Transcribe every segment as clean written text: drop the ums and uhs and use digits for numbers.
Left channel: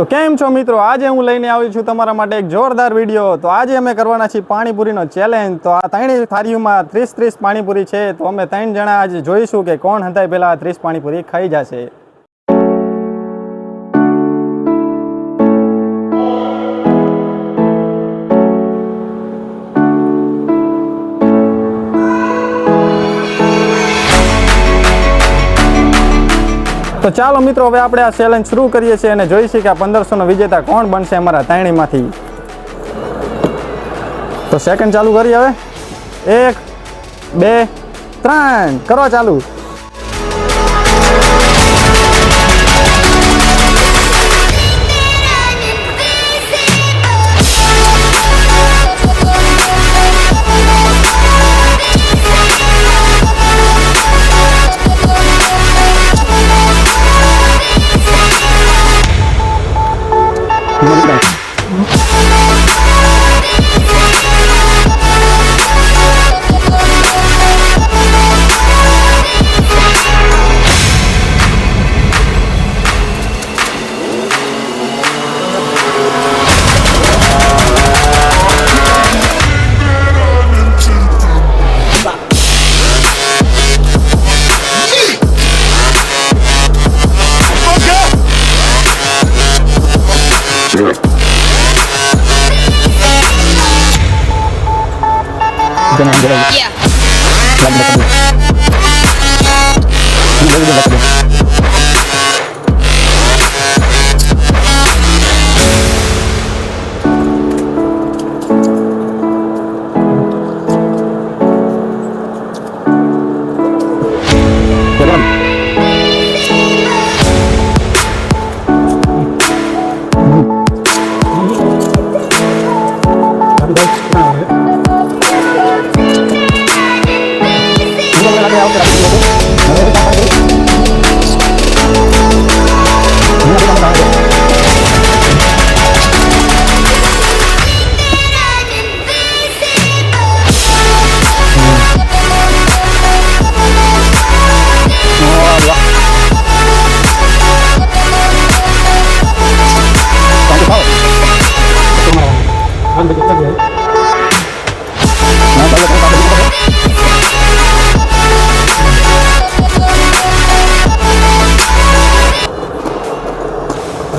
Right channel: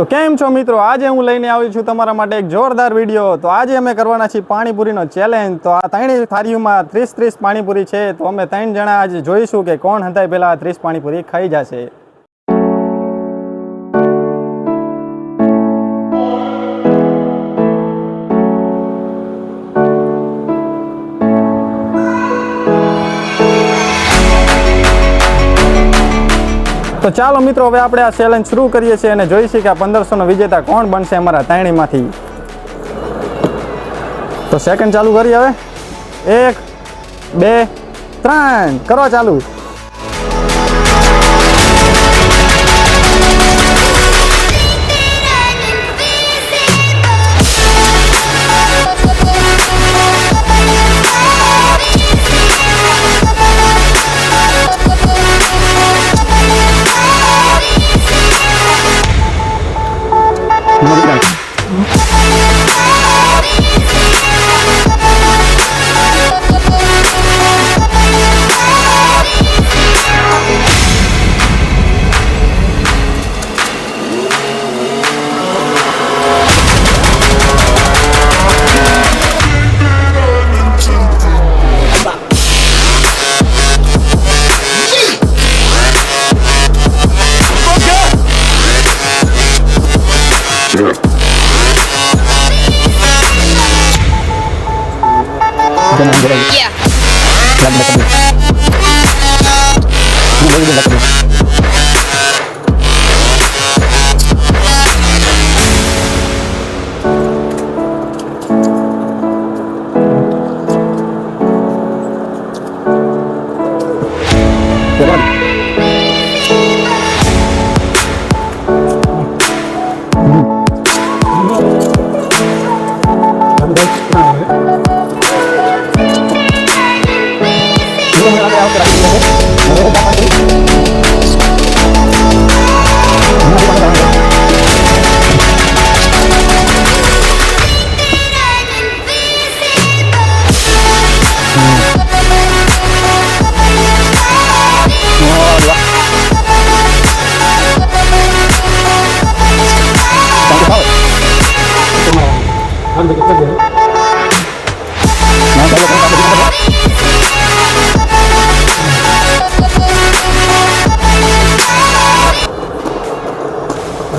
તો કેમ છો મિત્રો, આજે હું લઈને આવી છું તમારા માટે એક જોરદાર વિડીયો। તો આજે અમે કરવાના છીએ પાણીપુરીનો ચેલેન્જ। તો આ ત્રણેય થાળીઓમાં 30 પાણીપુરી છે। તો અમે 3 જણા આજે જોઈશું કે કોણ હંતાઈ પહેલા 30 પાણીપુરી ખાઈ જશે। તો ચાલો મિત્રો, હવે આપણે આ ચેલેન્જ શરૂ કરીએ છીએ અને જોઈશું કે આ 1500નો વિજેતા કોણ બનશે અમારા ત્રણેયમાંથી। તો સેકન્ડ ચાલુ કરી, હવે 1 2 3 કરો ચાલુ। Yeah.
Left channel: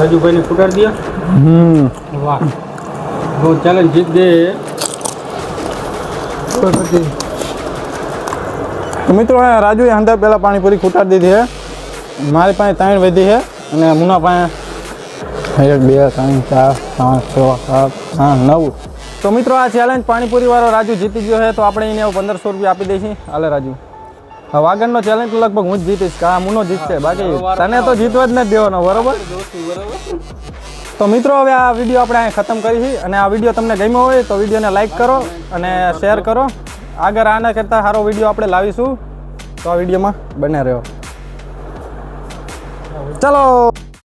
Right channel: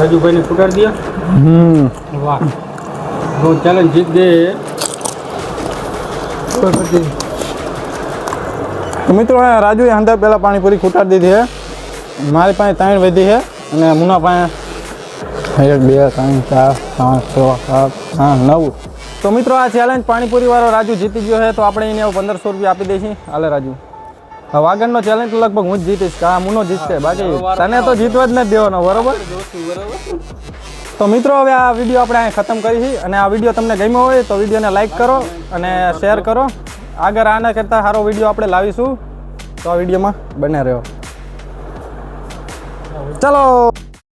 राजू भाई ने फुटार दिया। वाह, वो चैलेंज जीत गए। तो मित्रों, राजू हंताई पहला पानीपुरी खूटाड़ दी है। मारी पास 3 वधी है और मुना पास 1 2 3 4 5 6 7 8 9। तो मित्रों, आ चैलेंज पानीपुरी वाળો राजू जीती गयो है। तो આપણે એને 1500 રૂપિયા આપી દઈશું। હાલે રાजू, હવે આગળનો ચેલેન્જ લગભગ હું જ જીતીશ, કા મુનો જીતશે, બાકી તને તો જીતવા જ નથી દેવાનો, બરોબર? તો મિત્રો, હવે આ વિડીયો આપણે અહીં ખતમ કરી અને આ વિડીયો તમને ગમ્યો હોય તો વિડીયોને લાઈક કરો અને શેર કરો। આગળ આના કરતાં સારો વિડીયો આપણે લાવીશું, તો આ વિડીયોમાં બને રહ્યો। ચલો।